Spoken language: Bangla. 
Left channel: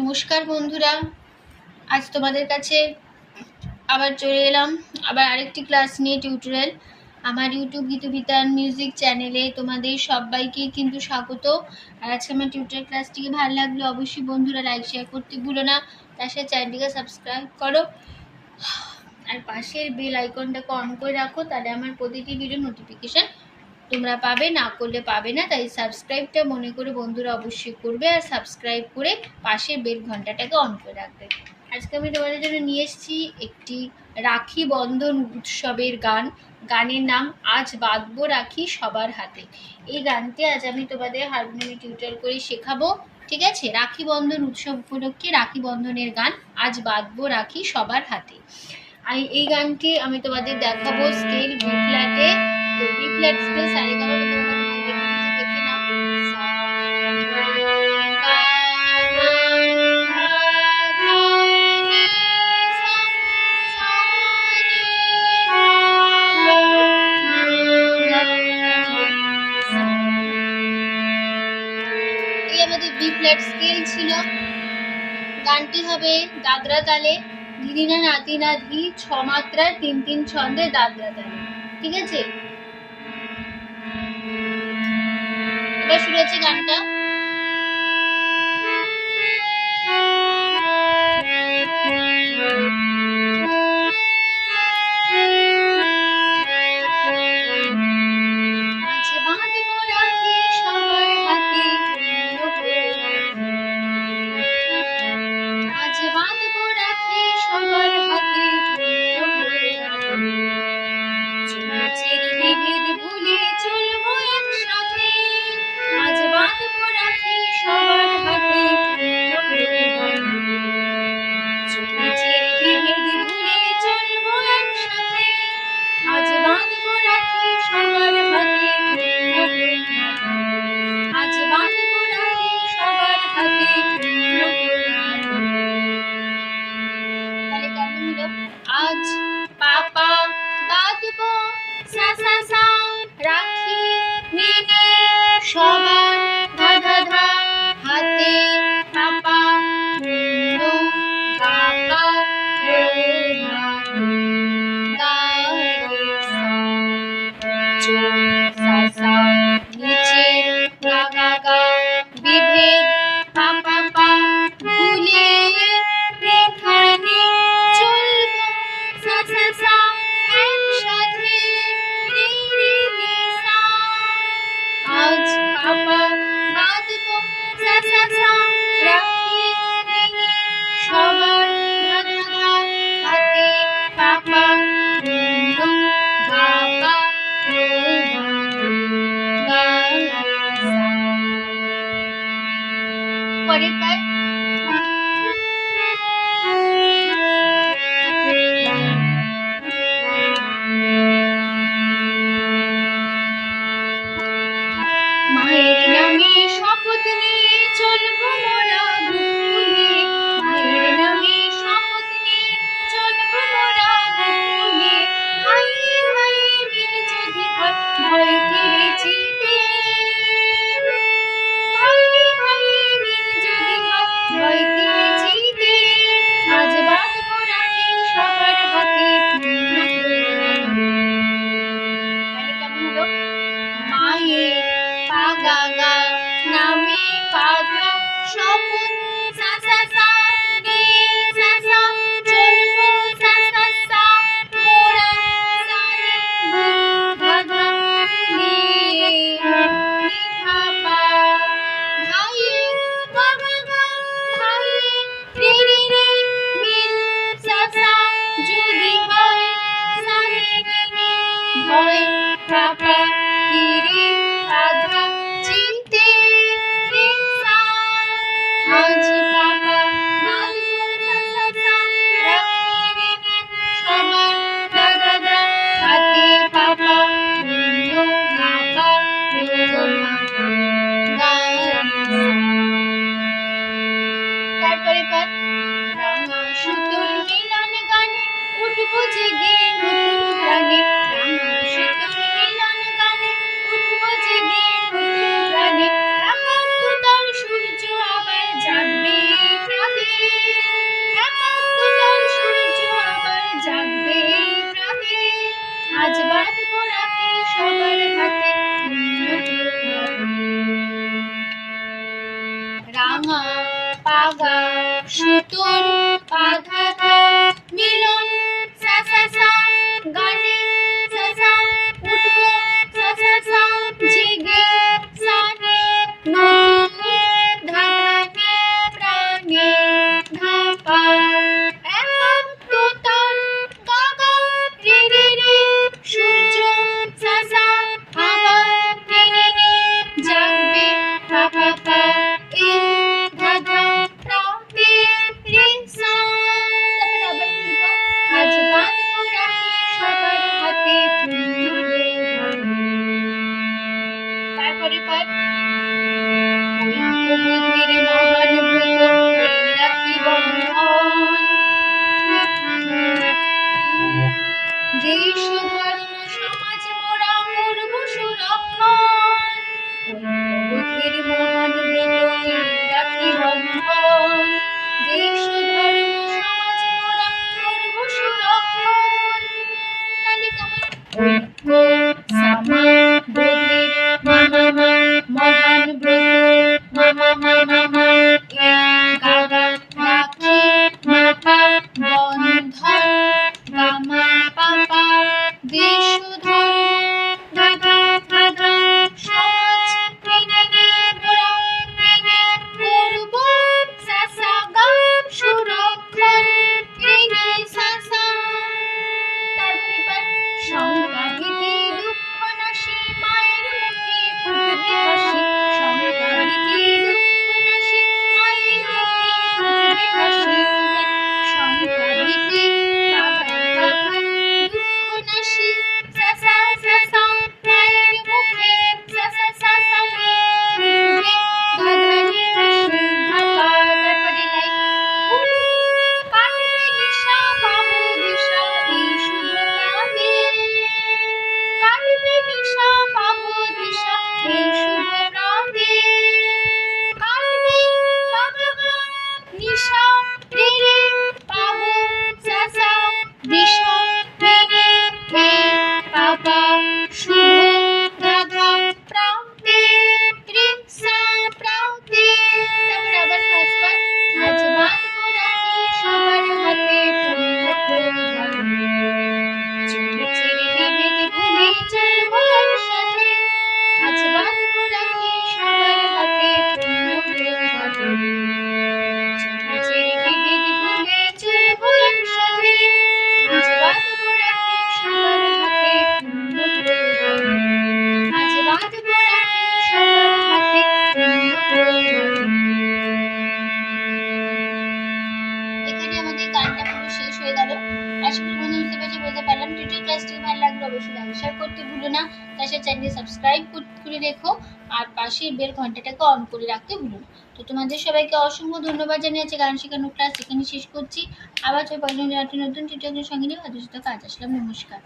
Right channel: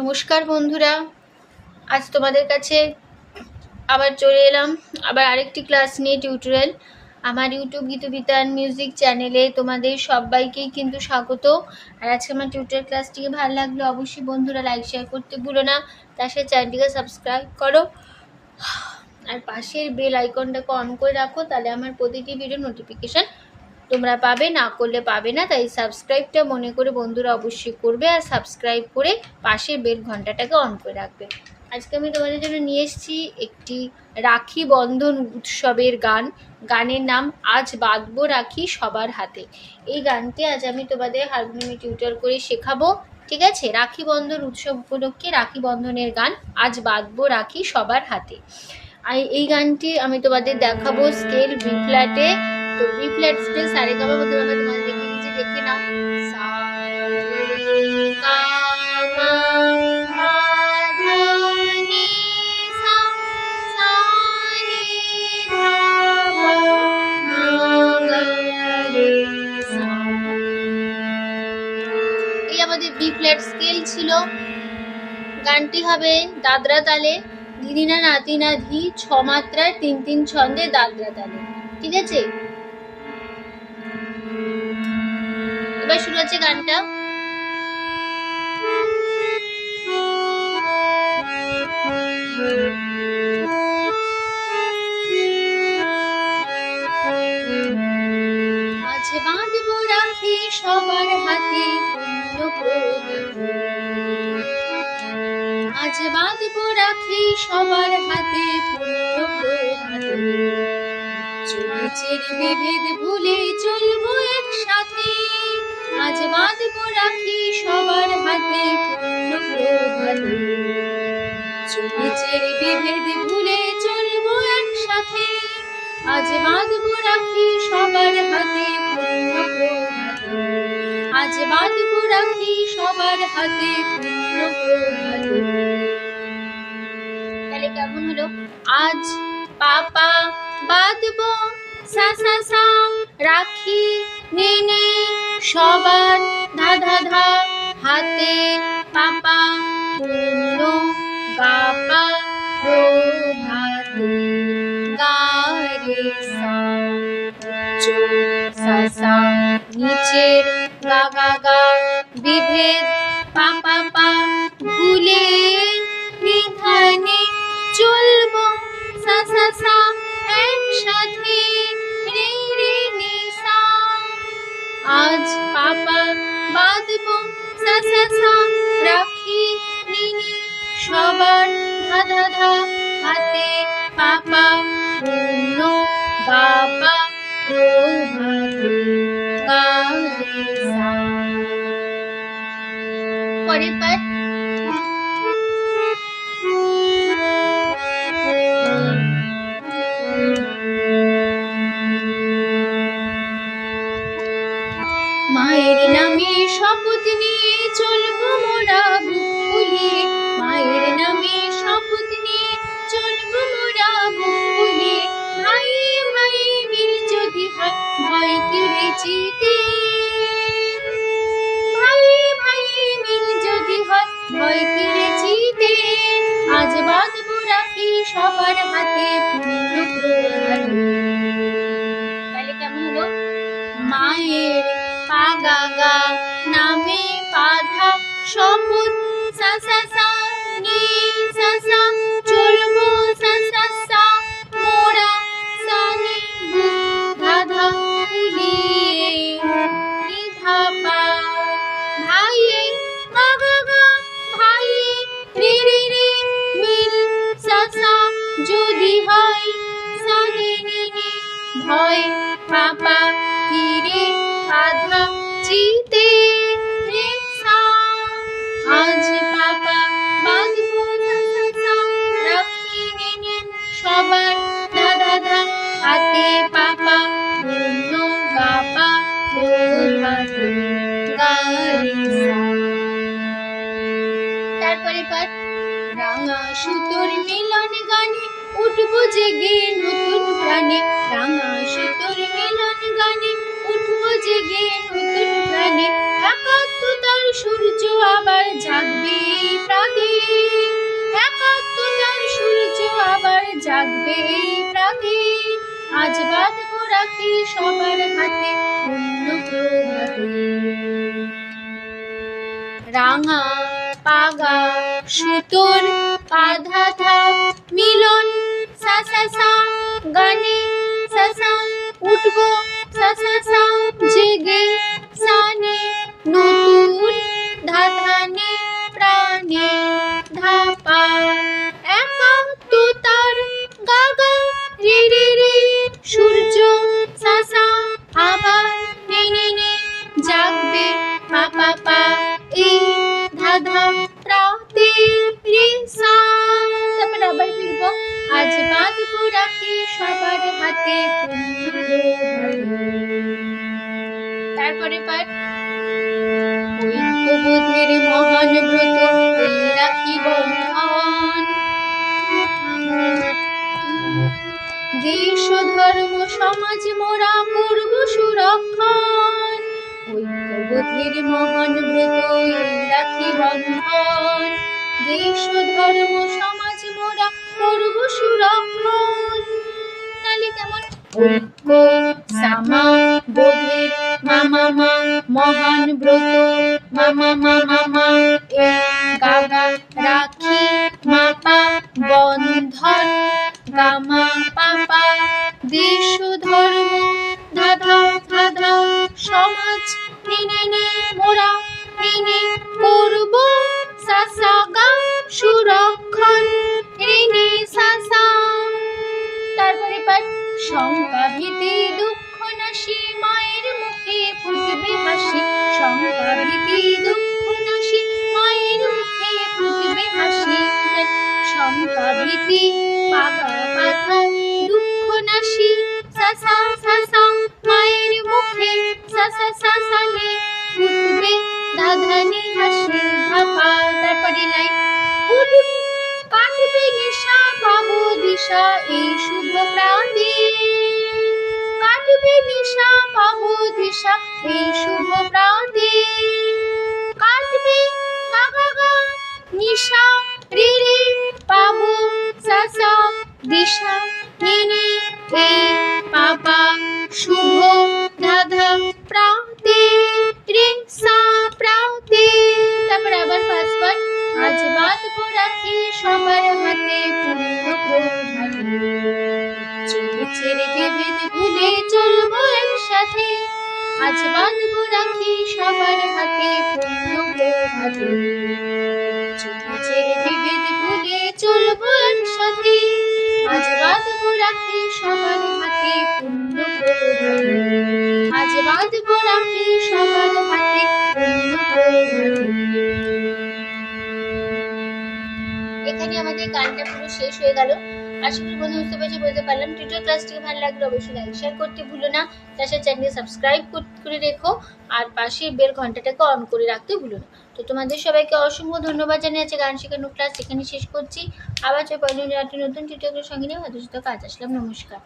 নমস্কার বন্ধুরা, আজ তোমাদের কাছে আবার চলে এলাম আবার আরেকটি ক্লাস নিয়ে টিউটোরিয়াল। আমার ইউটিউব গীতবিতান মিউজিক চ্যানেলে তোমাদের সবাইকেই কিন্তু স্বাগত। আর আজকে আমার টিউটোরিয়াল ক্লাসটিকে ভালো লাগলে অবশ্যই বন্ধুরা লাইক শেয়ার করতে ভুলো না, তার সাথে চ্যানেলটিকে সাবস্ক্রাইব করো আর পাশের বেল আইকনটাকে অন করে রাখো, তাহলে আমার প্রতিটি ভিডিও নোটিফিকেশন তোমরা পাবে, না করলে পাবে না। তাই সাবস্ক্রাইবটা মনে করে বন্ধুরা অবশ্যই করবে আর সাবস্ক্রাইব করে পাশের বেল ঘন্টাটাকে অন করে রাখবে। আজকে আমি তোমাদের জন্য নিয়ে এসেছি একটি রাখি বন্ধন উৎসবের গান। গানের নাম আজ বাঁধবো রাখি সবার হাতে। এই গানটি আজ আমি তোমাদের হারমোনিয়ামে টিউটোরিয়াল করে শেখাবো, ঠিক আছে? রাখি বন্ধন উৎসব উপলক্ষে রাখি বন্ধনের গান আজ বাঁধবো রাখি সবার হাতে। এই গানটি আমি তোমাদের দেখাবো স্কেল বি ফ্ল্যাটে। তো বি ফ্ল্যাট স্কেল সারেগামা মধ্যে আমরা তোমাদের দেখে নাও। এই আমাদের বি ফ্ল্যাট স্কেল ছিল। গানটি হবে দাদরা তালে, দিদি না নাতি না ধি, 6 মাত্রার 3-3 ছন্দে দাদরা তালে, ঠিক আছে? এবার শুরু হচ্ছে গানটা। আজ বাঁধবো রাখি সবার হাতে, আজ বাঁধবো রাখি সবার হাতে, চুরিচের বিভেদ ভুলে চলবো একসাথে। আজ বাঁধবো রাখি সবার হাতে, চুরিচের বিভেদ ভুলে চলবো একসাথে। আজ বাঁধবো রাখি সবার হাতে, আজ বাঁধবো রাখি সবার হাতে। তাহলে কেমন হলো? আজ পাপা বাঁধবো সা সা সা রাখি নেনে সবার ধা ধা ধা হাতে, পাপা নো বাবা রো মা গা রে সা চো সা সা নিচের গা গা গা বিভেদ পা পা পা ভুলে বিধানে চলবো সা সা সা একসাথে রে রে নি সা। আজ পাপা বাঁধবো সা সা সা রাখি নেনে সবার ধা ধা ধা হাতে, পাপা নো বাবা রো মা গা রে সা। পরের পাঠ। মায়ের নামে শপথ নিয়ে চলবো মোরা বুক ফুলিয়ে, মায়ের নামে শপথ নিয়ে চলবো মোরা বুক ফুলিয়ে। ভাই ভাই মিল যদি হয় ভয়কে বেচিতে, ভাই ভাই মিল যদি হয় ভাঙা পাগা সুতোর আধা ধা মিলন সা সা সা গানে সা সা উঠবো সা সা সা জেগে সানে নতুন ধানে প্রাণে ধাপা একাত্মতার গাগা রে রে রে সূর্য সা সা আবার নে নে নে জাগবে পা পা পা এ ধা ধা রাতে রে সা। তারপর আবার ফিরবো আজ বাঁধবো রাখি সবার হাতে ফুলে তারপরে পাঠ ঐক্যবোধের মহান ব্রত এই রাখি বন্ধন দেশ ধর্ম সমাজ মোরা করব সুরক্ষণ ঐক্যবোধের মহান ব্রত এই রাখি বন্ধন দেশ ধর্ম সমাজ মোরা করব সুরক্ষণ তাহলে কেমন ঐক্য সামা বোধের মামা মা মহান ব্রত মামা মামা মা এ গাগা রাখি মাপা বন্ধন গামা পাপা দেশ ধর্ম ধাধা ধাধা সমাজ মেনে মোরা মেনে করব সাসা গা সুরক্ষণ রেনে সাসা। তারপরে পাঠ শঙ্কা ভীতি দুঃখ নাশি মায়ের মুখে ফুটবে হাসি শঙ্কা ভীতি দুঃখ নাশি মায়ের মুখে ফুটবে হাসি শঙ্কা ভীতি বাবা বাবা দুঃখ নাশি সাসা সাসা মায়ের মুখে সাসা সাসা রে ফুটবে ধাধানি হাসি ধাপা। তারপরে নাই কাটবে নিশা পাবো দিশা এই শুভ প্রাতে কাটবে নিশা পাবো দিশা এই শুভ প্রাতে কাটবে গা গা নিশা রে রে পাবো সাসা দিশা মেনে এ পাপা শুভ ধাধা প্রাতে রে সা প্রাতে। তারপর আবার ফার্স্ট পার্ট আজ বাঁধবো রাখি সবার হাতে পুণ্য প্রধান চলেছে রে বিভেদ ভুলে চলবো একসাথে আজ বাঁধবো রাখি সবার হাতে পুণ্য প্রধান চলেছে রে বিভেদ ভুলে চলবো একসাথে আজ বাঁধবো রাখি সবার হাতে পুণ্য প্রধান আজ বাঁধবো রাখি সবার হাতে পুণ্য প্রধান। এখানে আমাদের গানটা পুরো শেষ হয়ে গেল। আশা করি বন্ধু বুঝতে পেরেছি বলতে পারলাম। ভিডিও ক্লাসটি ভালো লাগলে অবশ্যই লাইক শেয়ার করতে ভুলো না তার সাথে চ্যানেল সাবস্ক্রাইব করে রেখো আর পাশে বেল ঘন্টাটাকে অন করে রাখতে ভুলো না। তো তোমাদের সবাইকে অসংখ্য ধন্যবাদ জানিয়ে আছে গান শেখানোর ক্লাস এখানে শেষ করছি। আবার চল পরের নতুন টিউটোরিয়ালের সঙ্গে নিয়ে হয়তো কাজ আসলাম। নমস্কার।